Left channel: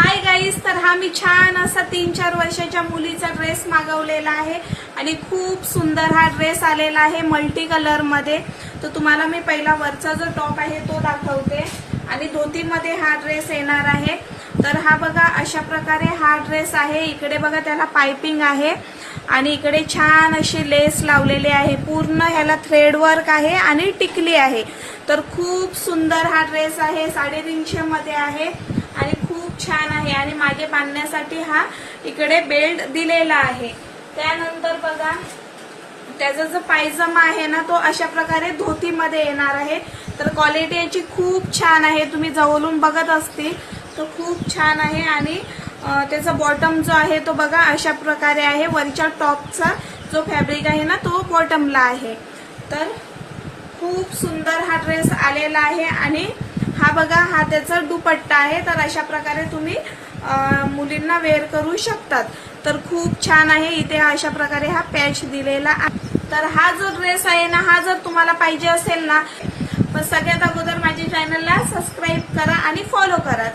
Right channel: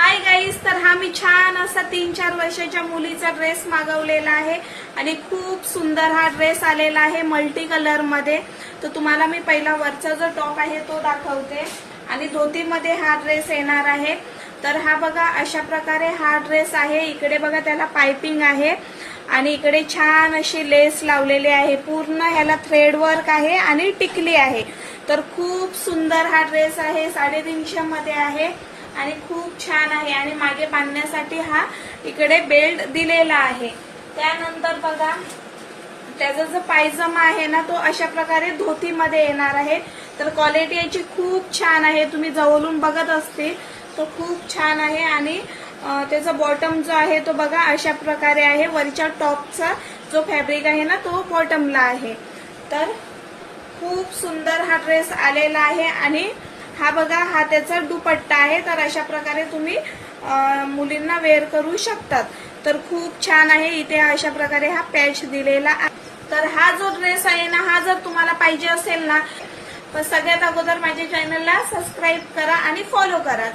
Hi guys, तर हा मी छान असा 3-4 वर्षाच्या मुलीचा ड्रेस मागवलेला आहे आणि खूप सुंदर हा ड्रेस आलेला आहे मल्टी कलर मध्ये। तर तुम्हाला मी पहिला वरचा जो टॉप आहे तो दाखवते आणि धोतीमध्ये हा ड्रेस येणार आहे। तर हा बघा अशा प्रकारे हा ड्रेस आहे। इकडे बघा त्याला पाइपिंग आहे आणि इकडे छान अशी लेस लावलेली आहे। पूर्ण ह्याला थ्रेड वर्क आहे आणि टिकली आहे। तर खूप सुंदर हा ड्रेस आहे, 350 मध्ये आहे आणि खूप छान आहे आणि मागे बांधण्यासाठी हा इकडे बेल्ट दिलेला आहे। त्यानंतर बघा त्याचा जो पायजमा आहे ना तो अशा प्रकारे धोतीमध्ये येणार आहे। तर क्वालिटी याची खूप छान आहे, तुम्ही जवळून बघत असतील तो खूप छान आहे आणि त्याचा बॉटम जो आहे तो बघा अशा प्रकारे आहे। वरच्या टॉपचा जो फॅब्रिक आहे ना तो बॉटमला आहे। तर खूप सुंदर हा ड्रेस आलेला आहे आणि हा बघा हा त्याचा दुपट्टा आहे। तर अशा प्रकारे तुम्ही मुलींना वेअर करू शकतात। तर खूप छान आहे, इथे अशा प्रकारे हा पॅच दिलेला आहे। तर हा जो ड्रेस आहे ना हा जर तुम्हाला पाहिजे असेल ना तर सगळ्यात अगोदर माझ्या चॅनलला सबस्क्राईब करा आणि फॉलो करा।